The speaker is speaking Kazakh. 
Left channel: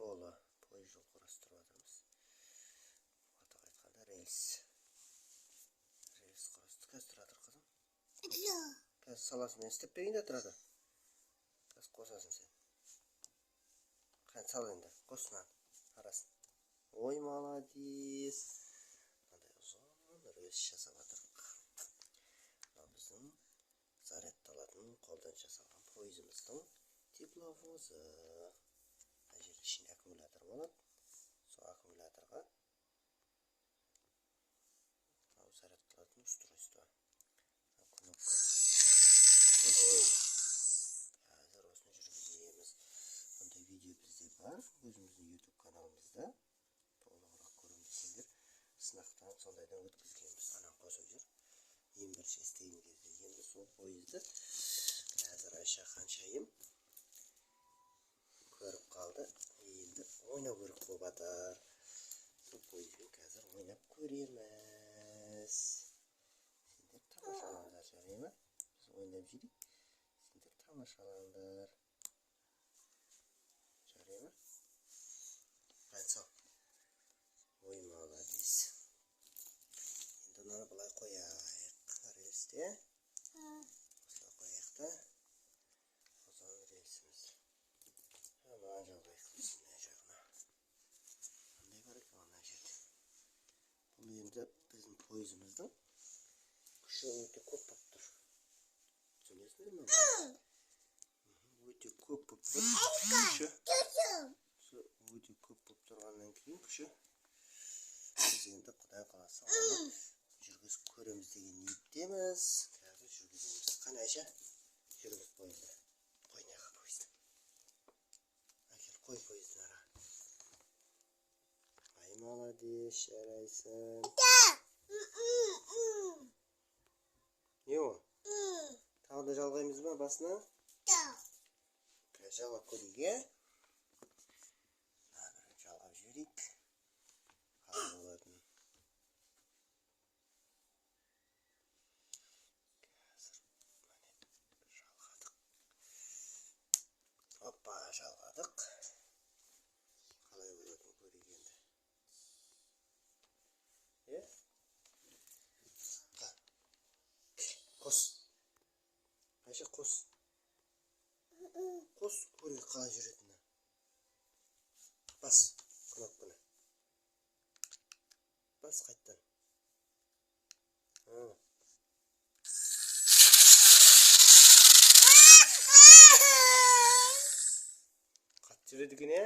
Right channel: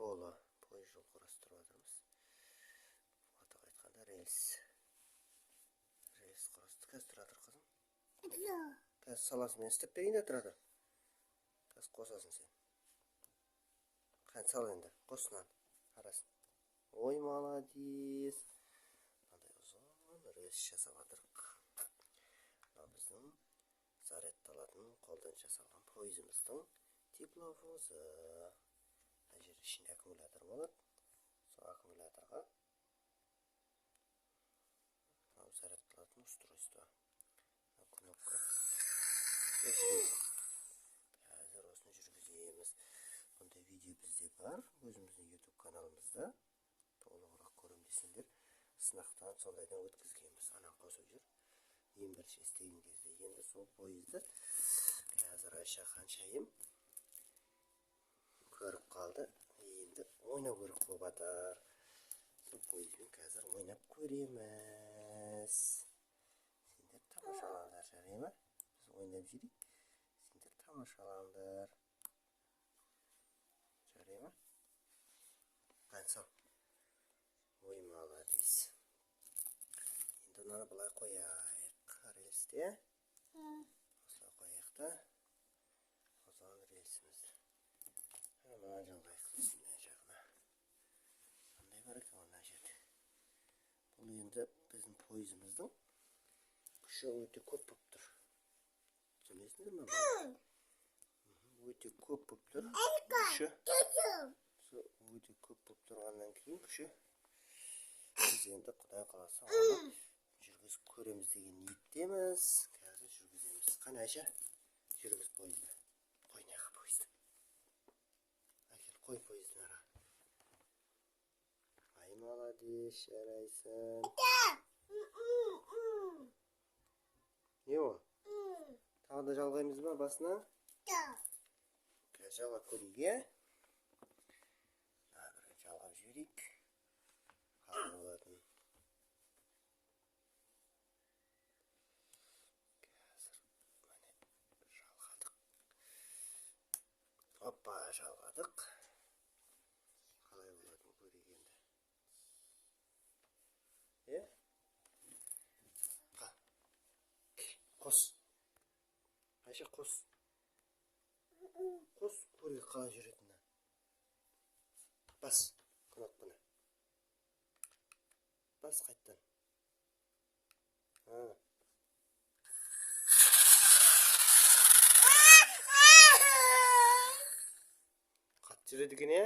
Polo poyez жол құрастырып жатырмыз. Атап айтқанда рельс құрастырып. Қазір тұра тұр қызым. Қазір саласың, мен істеп берейін де тұрады. Қазір қосасың сен. Қане сал енді, қос мынаны арасын. Ой, молодец. Мынандай ұзын рельс жасап жатырмық. Мына біздің зарядталатын қолдан жасалған пойызымыздың тепловозы. Мына жерде ішінде аккумулятор болады. Сол аккумуляторға зарядталатын устройство. Кнопка. Қазір осыны жүргіземіз. Бұндай видео бізде бар, өзіміздің YouTube каналымызда. Толығырақ көрем десеңдер, сынақтан сондайдан өткізгенбіз. Анан қосып жүр. Ең бірінші істеген кезде енді сол пойызды қазір Айша ханшайым көріп қалды. Енді ойнау керек болып жатыр. Сол пойызбен қазір ойнап көреміз. Сендер тамашалаңдар, жарай ма? Біз ойнап жүрейік. Сендер тамашалаңдар. Жарай ма? Қансал. Ой, молодец. Енді мынаны былай қояйық. Рельсте. Осылай қояйық та. Ұзын рельсіміз. Мына жалғайық мына жағына. Қандай бар екен мына жерде? Бұл енді біздің пойызымыздың күші өте көп болып тұр. Түсінесіңдер ме? Өте көп болып тұр. Күші. Өте көп болып тұрғаннан кейін күші. Біз енді Құдай қаласа оны жүргізіп көреміз деген ниеттеміз. Қазір жүргіземіз. Қане Айша, жүргіз пойызды. Қой неға пойызды. Әкел, қой пойыздың ара. Ай, молодец, жарайсың. Не о? Тағы да жалғаймыз ба басына? Қазір жалғап көрейік, е? Жалғап жүрейік. Қалай болатын. Қазір жалғадық. Оппа, жалғадық. Қалай болатын көрейік енді. Қос. Айша, қос. Қос, көрейік қалай жүретіні. Бас кнопканы. Бас қайттан. Қатты жүреді екен, е?